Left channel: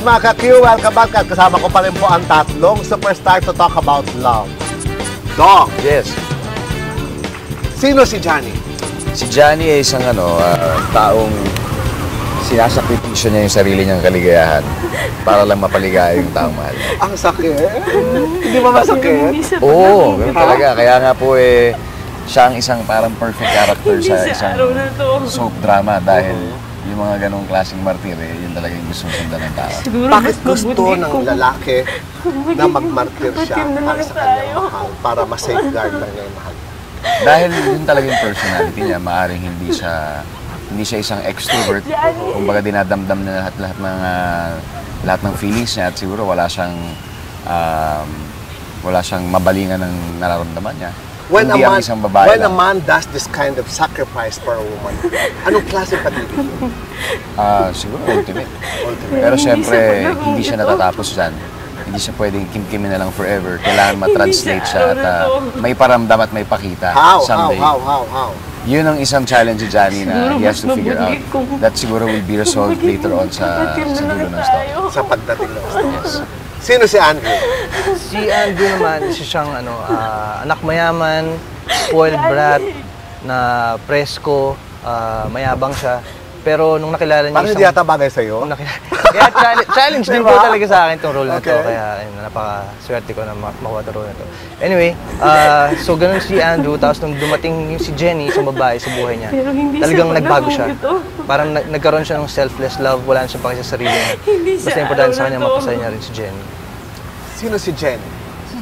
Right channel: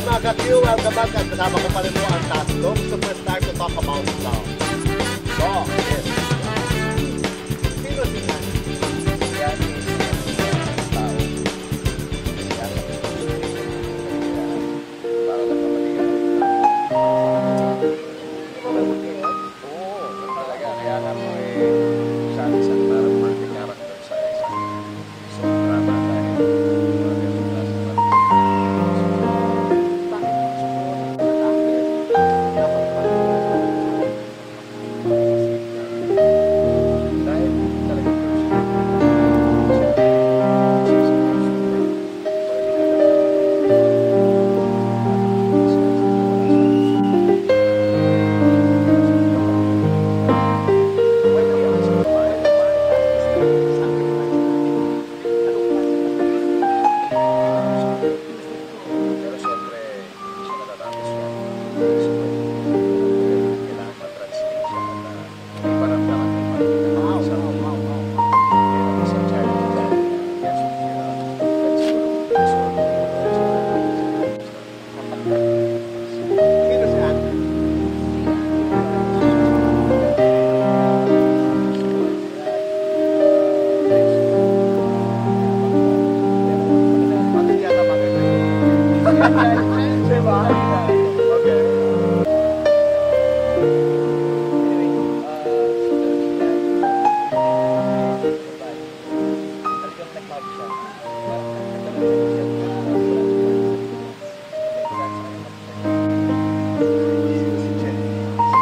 Yes, mga ka-Q, welcome back. At kasama ko pa rin po ang tatlong superstar to talk about love. Dong, Yes. sino si Johnny? Si Johnny ay isang taong sinasakripisyo niya yung sarili niyang kaligayahan para lang mapaligaya yung tao mahal. Ang sakit. Hindi ba masakit? Oo, ganun talaga. Kaya nga po siya ang isang parang perfect character sa isang soap drama dahil yung mga ganong klaseng martir talaga gusto nila ng tao. Bakit gusto ng lalaki na magmartir siya para sa kanyang mahal, para ma-safeguard lang niya? Dahil yun talaga yung personality niya, maaaring hindi siya isang extrovert. Kumbaga dinadamdam na lahat ng feelings niya at siguro wala siyang mabalingan ng nararamdaman niya. When a man does this kind of sacrifice for a woman, anong klase pagiging? Siguro ultimate. Pero siyempre, hindi siya natatapos dyan. Hindi siya pwedeng kimkimin na lang forever. Kailangan ma-translate siya at may paramdam at may pakita someday. How? Yun ang isang challenge ni Johnny na he has to figure out. That siguro will be resolved later on sa dulo ng story. Sa pagdating ng story. Yes. Sino si Andrew? Si Andrew naman, siyang anak mayaman, spoiled brat, na presko, mayabang siya. Pero nung nakilala niya Bakit hindi yata bagay sa'yo? Kaya challenge din po talaga sa akin itong role na ito. Kaya napaka-swerte ko na makakuha na role. Anyway, so ganun si Andrew. Tapos nung dumating si Jenny, isang babae sa buhay niya, talagang nagbago siya. Parang nagkaroon siya ng selfless love. Wala na siyang paki sa sarili niya. Basta importante sa kanya, mapasaya niya rin si Jenny. Sino si Jenny?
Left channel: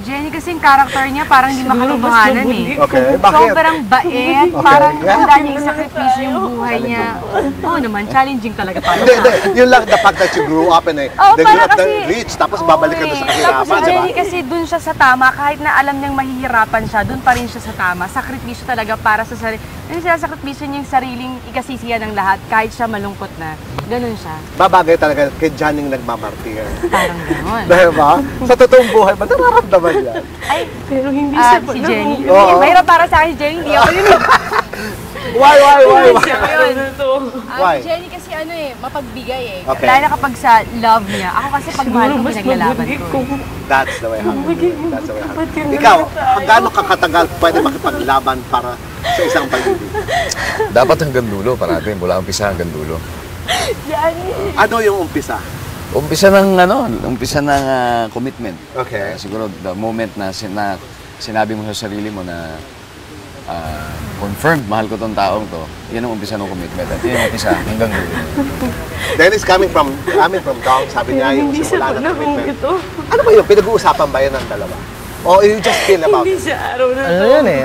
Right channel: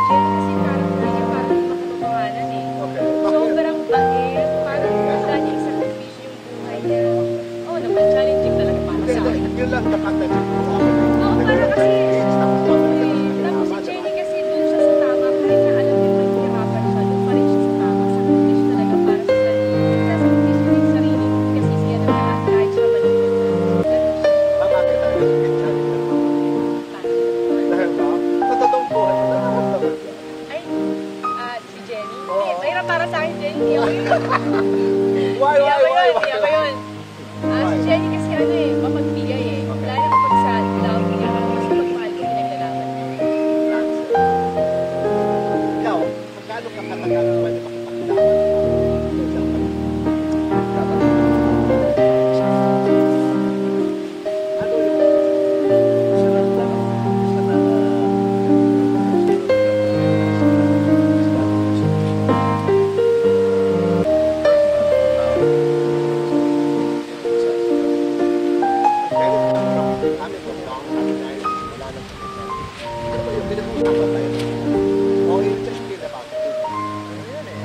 Jenny kasi yung character niya parang hindi makalubahanan eh. Okay, bakit? Sobrang bait, parang handa niya isakripisyo yung buhay niya. Oo naman, challenging talaga para Hindi, sa akin. yun lang the fact that you grew up in a para kasi rich, tapos babalik ka na sa Tapos kahirapan, si di ba? Jenny kasi dun siya sa tama, kahit na alam niyang mahihirapan siya, dun pa rin siya sa tama. Sakripisyo talaga para sa sarili. Yung sinasakripisyo niya yung sariling ikasisiyan ng lahat, kahit siya malungkot na. Ganun siya. Babagay talaga kay Johnny nagmamapir. Parang gano'n. Dahil ba? Sa totoong buhay, ba't nararamdaman niya? Ay, pero hindi si Jenny. Oo. Mahirap para sa akin si Jenny, hindi ako yun. Why? Siya ko yun. Why? Si Jenny kasi mapagbigay eh. Okay. Dahil kapag sa love niya, ako kasi pag mahal ko, naglalaban ko. That's the way. That's the way. Ikaw, gaano kakatagal pwede makipaglaban para sa isang pag-ibig? Dapat hanggang dulo, parang mula umpisa hanggang dulo. Ano yung umpisa? Umpisa ng commitment. Okay. Siguro the moment na sinabi mo sa sarili mo na confirmed, mahal ko tong tao to, yan ang umpisa ng commitment. At yun yung umpisa hanggang dulo. Dennis coming from Dong, sabi niya, yung simula ng commitment. Ano ba yun? Pinag-uusapan ba yan ng dalawa? O you just feel about it? Ano yun eh,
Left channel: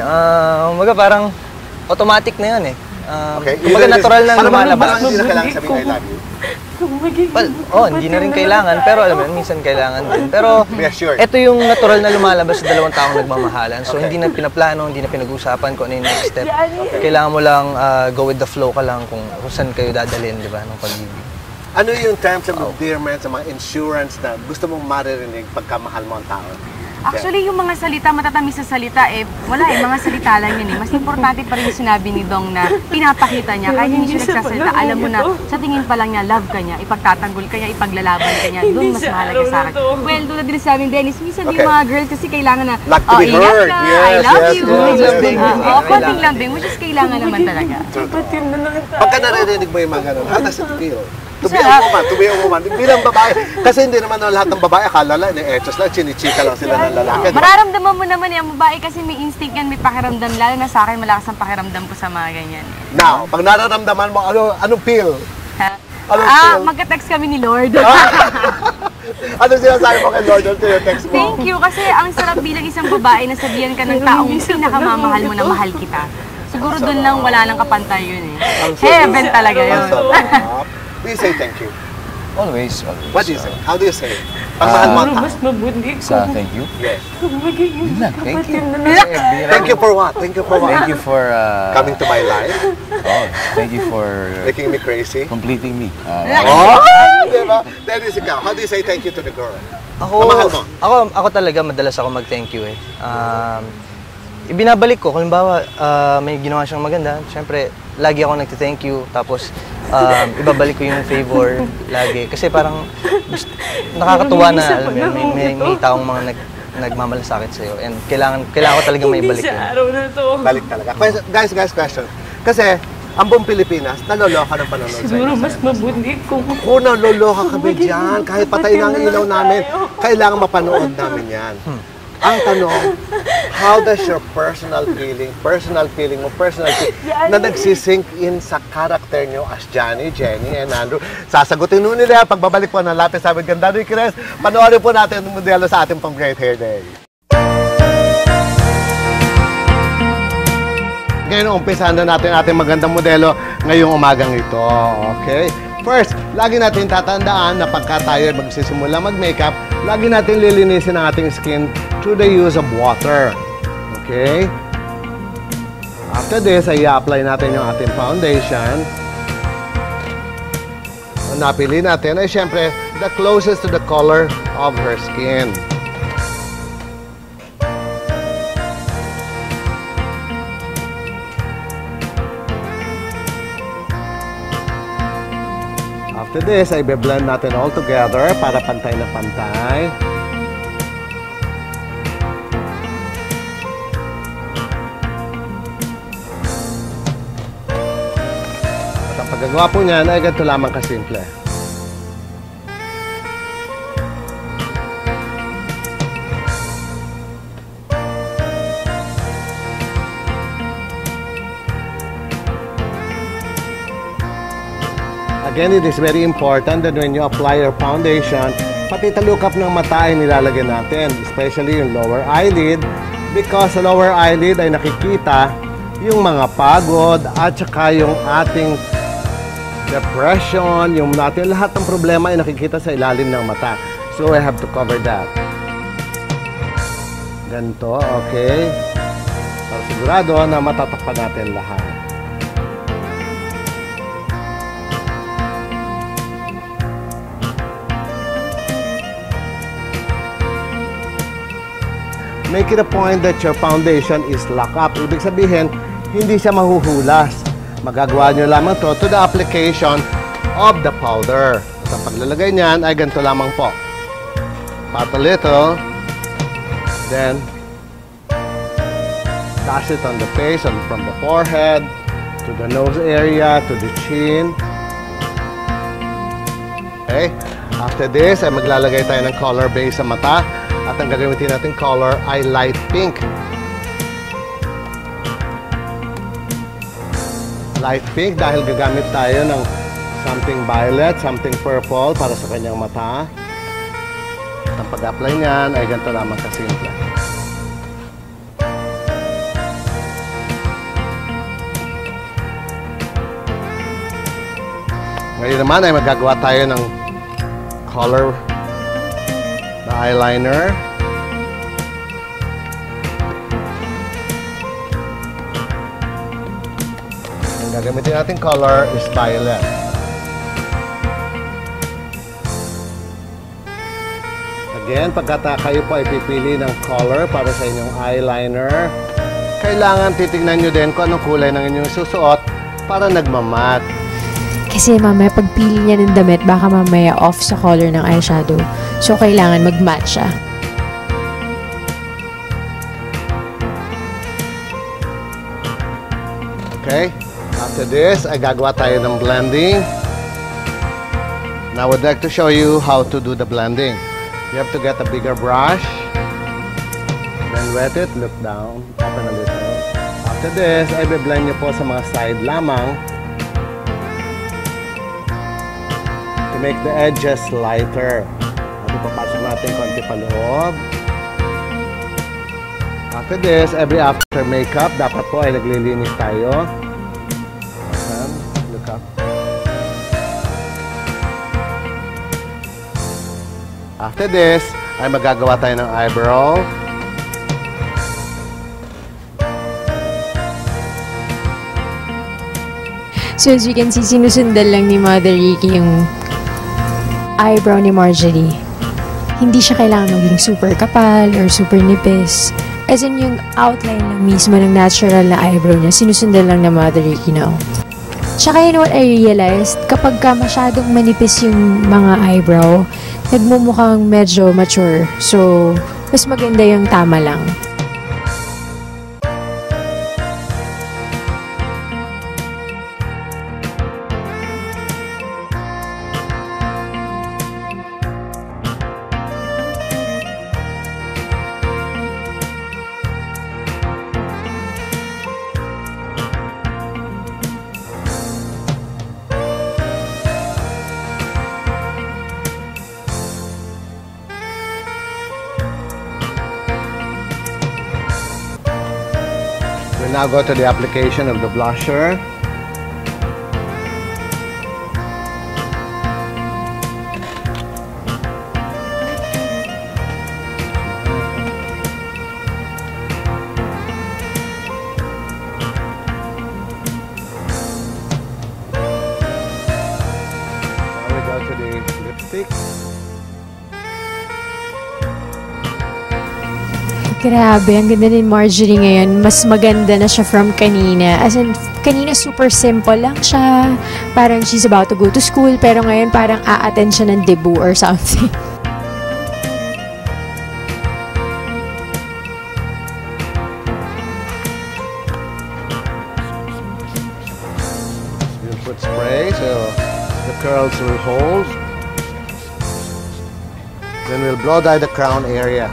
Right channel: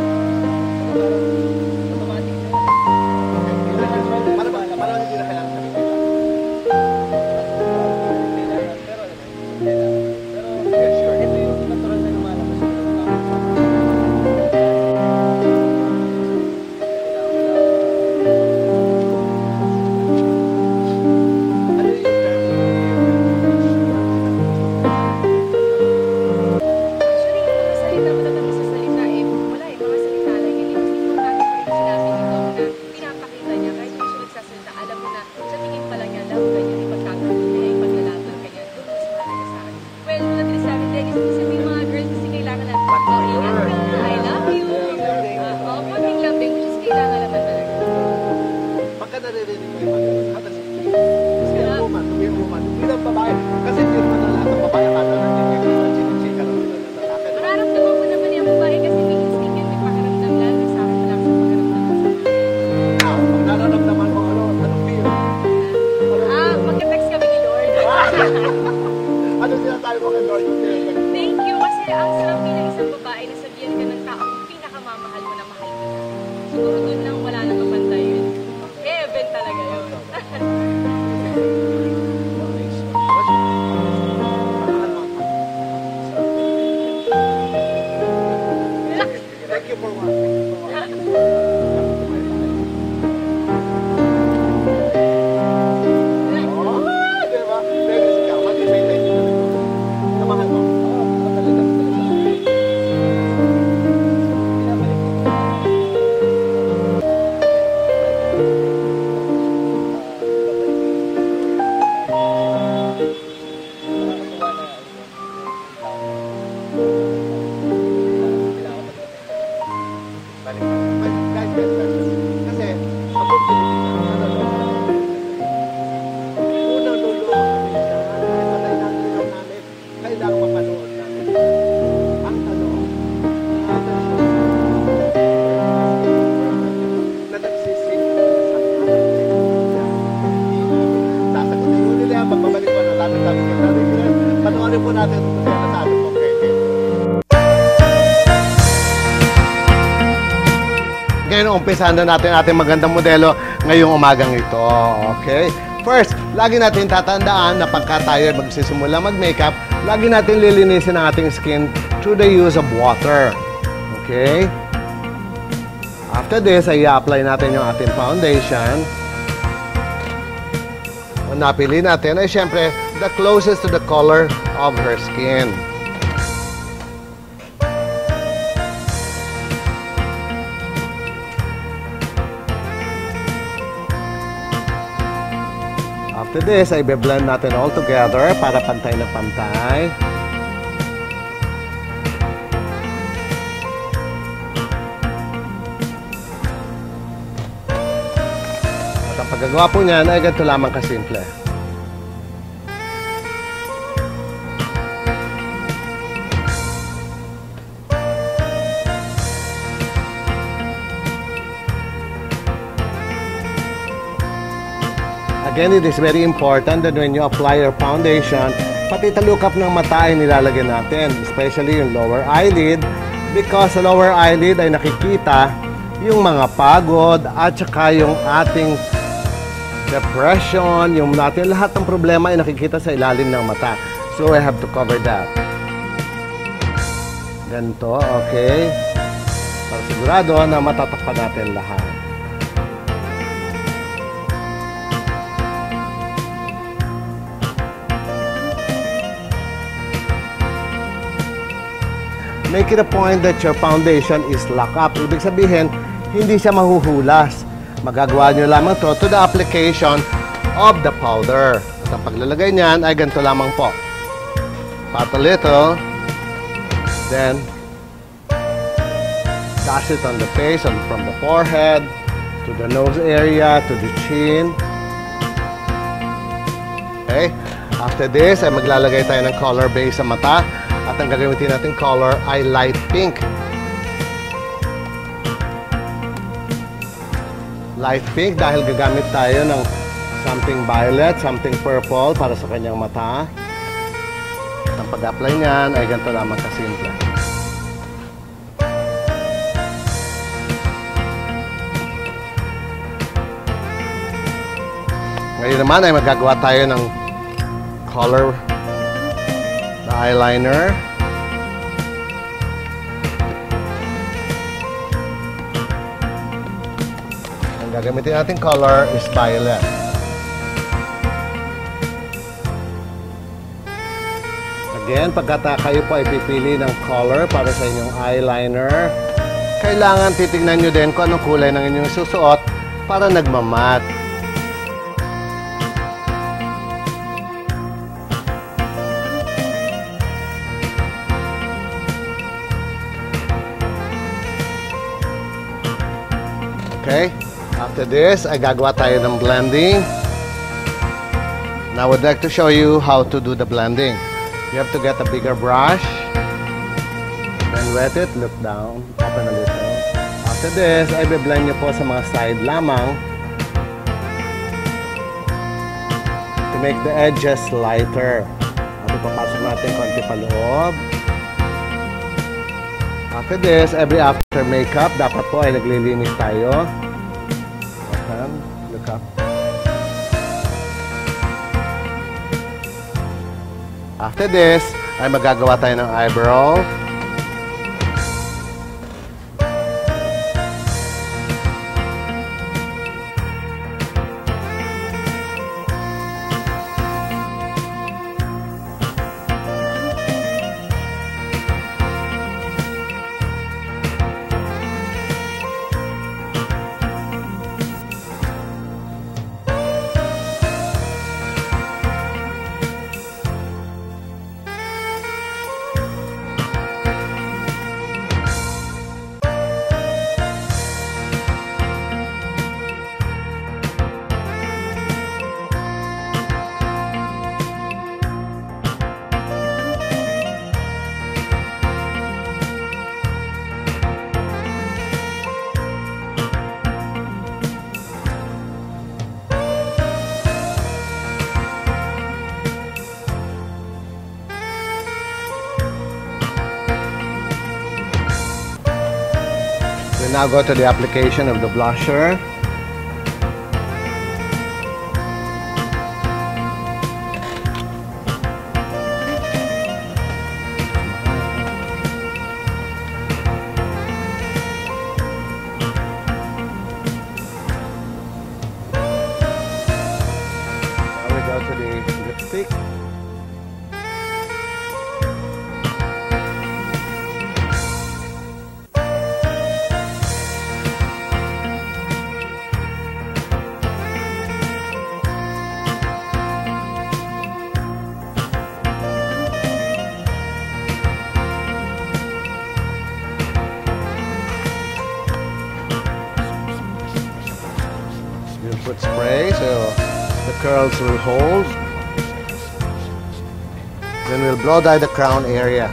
parang automatic na yun eh. Okay. Kumbaga natural na lumalabas. Parang hindi na kailangan sabihin kayo lagi. Well, hindi na rin kailangan, pero alam mo, minsan kailangan din. Pero Reassured. ito yung natural na lumalabas sa dalawang taong nagmamahalan. So hindi na pinaplano, hindi na pinag-usapan kung ano yung next step. Kailangan mo lang go with the flow ka lang kung saan kayo dadalhin, di ba? Ano yung terms of endearment sa mga insurance na gusto mong maririnig pagkamahal mo ang tao? Actually, yung mga salita, matatamis sa salita, wala mga salita lang yun eh. Mas importante pa rin yung sinabi ni Dong na pinapakita niya. Kahit hindi siya nagsasalita, alam mo na sa tingin pa lang niya, love ka niya, ipagtatanggol ka niya, ipaglalaban ka niya. Doon mas mahalaga sa akin. Well, tulad din sa amin, Dennis, minsan yung mga girls kasi kailangan na, Like to be ingat heard. ka, Yes, I love yes, you. yes. Konting lambing, which is kailangan naman talaga. Pagka naririnig mo yung mga ganun, how does it feel? To be a woman. Bilang babae. Kasi hindi naman lahat ng babae akala lang, etos na, chinichika lang sila ng lalaki. Mararamdaman mo naman yung babae kasi may instinct yan, may pakiramdam. Lalo na sa akin, malakas ang pakiramdam ko sa mga ganyan. Now, pag nararamdaman mo, anong feel? Magka-text kami ni Lord. Ano sinasabi mo kay Lord until your text mo? Thank you, kasi ang sarap bilang isang babae na sabihan ka ng taong pinakamamahal mo na mahal kita. Siguro doon lang wala nang kapantay yun eh. Heaven talaga yun. We say thank you. Always. What do you say? How do you say it? Pagmahal mo ang tao. Sa thank you. Yun lang, thank you. Thank you for what? Thank you for what? Thank you for Coming to my life. thank you for Making me crazy. completing me. Oh! Diba? Dennis, ikaw, how do you say thank you to the girl? Namahal mo? Ako talaga madalas ako mag-thank you eh. ibinabalik ko. Kung bawa, may ginawa siyang maganda, syempre, lagi ako nag-thank you. Tapos, ibabalik ko yung favor lagi. Kasi parang nakakatuwa na, alam mo yun, may taong mga nagmamalasakit sa'yo. And kailangan ko talaga may balik yun. Balik talaga. Guys, question. Kasi, ang buong Pilipinas, naloloka naman ang Siguro mas mabuti kung Una, loloka kami dyan. Kahit patay na ang ilaw namin, kailangan mapanood namin yan. Ang tanong, how does your personal feeling na nagsisink in sa character nyo as Johnny, Jenny, and Andrew? Sasagutin nun nila, pagbabalik po na lapit sabi ka, Daddy Chris, panoorin po natin ang modelo sa ating pang Great Hair Day. Ngayon, umpisahan na natin ating magandang modelo ngayong umagang ito. Okay? First, lagi natin tatandaan na pagka tayo magsisimula mag-makeup, lagi natin lilinisin ang ating skin through the use of water. Okay? After this, ay i-apply natin yung ating foundation. Ang napili natin ay syempre the closest to the color of her skin. After this, ay be-blend natin all together para pantay na pantay. At ang paggagawa po niyan ay ganito lamang kasimple. Again, it is very important that when you apply your foundation, pati talukap ng mata ay nilalagyan natin, especially yung lower eyelid, because sa lower eyelid ay nakikita yung mga pagod at saka yung ating depression, yung natin lahat ng problema ay nakikita sa ilalim ng mata. So I have to cover that. Ganito, okay? Para sigurado na matatakpan natin lahat. Make it a point that your foundation is locked up. Ibig sabihin, hindi siya mahuhulas. Magagawa nyo lamang to the application of the powder. At ang paglalagay niyan ay ganito lamang po. Pat a little. Then, dash it on the face, from the forehead, to the nose area, to the chin. Okay? After this, ay maglalagay tayo ng color base sa mata. At ang gagamitin natin color ay light pink. Light pink dahil gagamit tayo ng something violet, something purple para sa kanyang mata. At ang pag-apply niyan ay ganito lamang kasimple. Ngayon naman ay magagawa tayo ng color na eyeliner. Ang gagamitin natin color is violet. Again, pagkata kayo po ay pipili ng color para sa inyong eyeliner, kailangan titignan nyo din kung anong kulay ng inyong susuot para nagmamat. Kasi mamaya pagpili niya ng damit, baka mamaya off sa color ng eyeshadow. So, kailangan mag-match siya. Okay? After this, ay gagawa tayo ng blending. Now, I would like to show you how to do the blending. You have to get a bigger brush. Then wet it, look down, open a little. After this, ay be-blend nyo po sa mga side lamang to make the edges lighter. Papasok natin konti pa loob. After this, every after makeup, dapat po ay naglilinis tayo. Okay, look up. After this, ay magagawa tayo ng eyebrow. So as you can see, sinusundan lang ni Mother Ricky yung eyebrow ni Marjorie. Hindi siya kailangan maging super kapal or super nipis. As in, yung outline ng mismo ng natural na eyebrow niya. Sinusundan lang na Mother Ricky now. Tsaka you know what I realized? Kapag ka masyadong manipis yung mga eyebrow, nagmumukhang medyo mature. So, mas maganda yung tama lang. We now go to the application of the blusher. Now we go to the lipstick. Grabe, ang ganda ni Marjorie ngayon. Mas maganda na siya from kanina. As in, kanina super simple lang siya. Parang she's about to go to school, pero ngayon parang a-attend siya ng debut or something. We'll put spray so the curls will hold. Then we'll blow dye the crown area.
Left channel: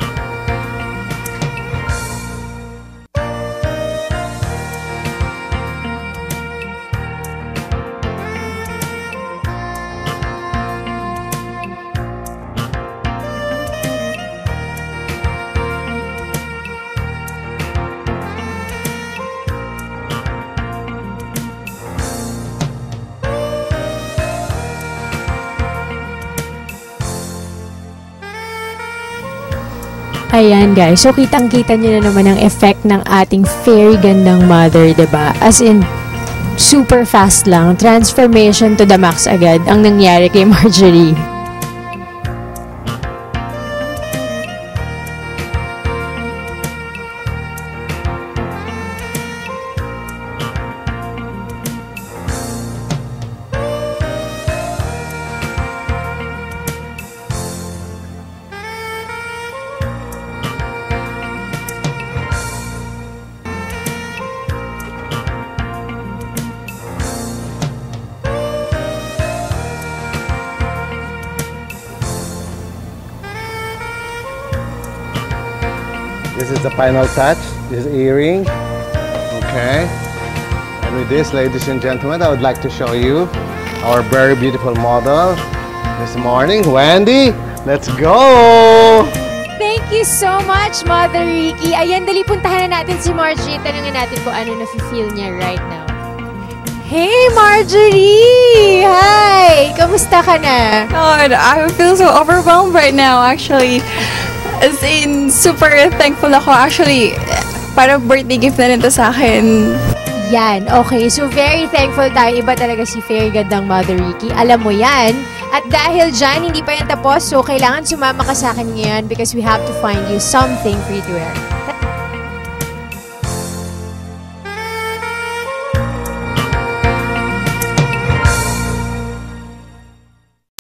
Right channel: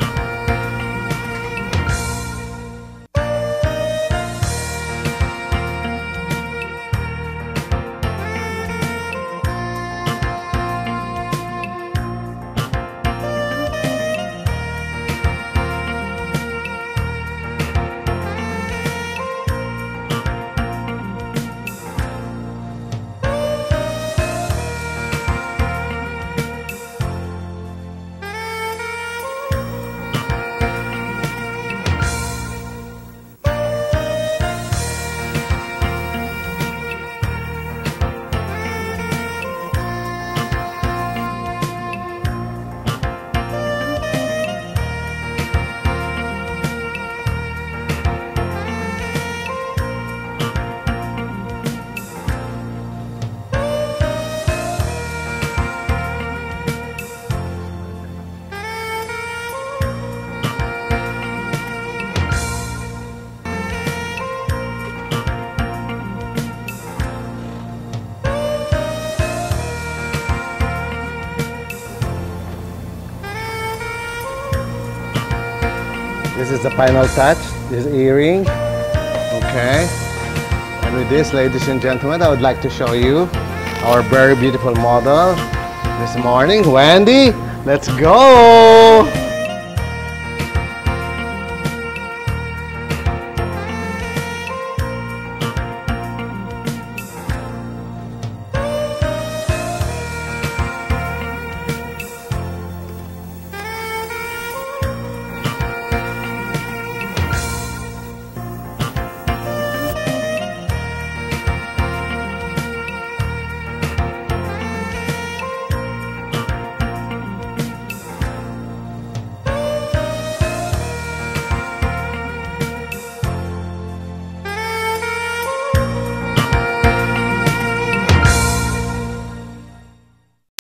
Ayan guys, so kitang-kita niyo na naman ang effect ng ating very gandang mother, diba? As in, super fast lang. Transformation to the max agad ang nangyari kay Marjorie. This is the final touch, this earring. Okay. And with this, ladies and gentlemen, I would like to show you our very beautiful model this morning. Wendy, let's go! Thank you so much, Mother Ricky. Ayan, dali puntahan na natin si Marjorie. Tanungin natin kung ano na-feel niya right now. Hey, Marjorie! Hi! Kamusta ka na? God, I feel so overwhelmed right now, actually. As in, super thankful ako. Actually, parang birthday gift na rin to sa akin. Yan, okay. So, very thankful tayo. Iba talaga si very gandang Mother Ricky. Alam mo yan. At dahil dyan, hindi pa yan tapos. So, kailangan sumama ka sa akin ngayon because we have to find you something for you to wear.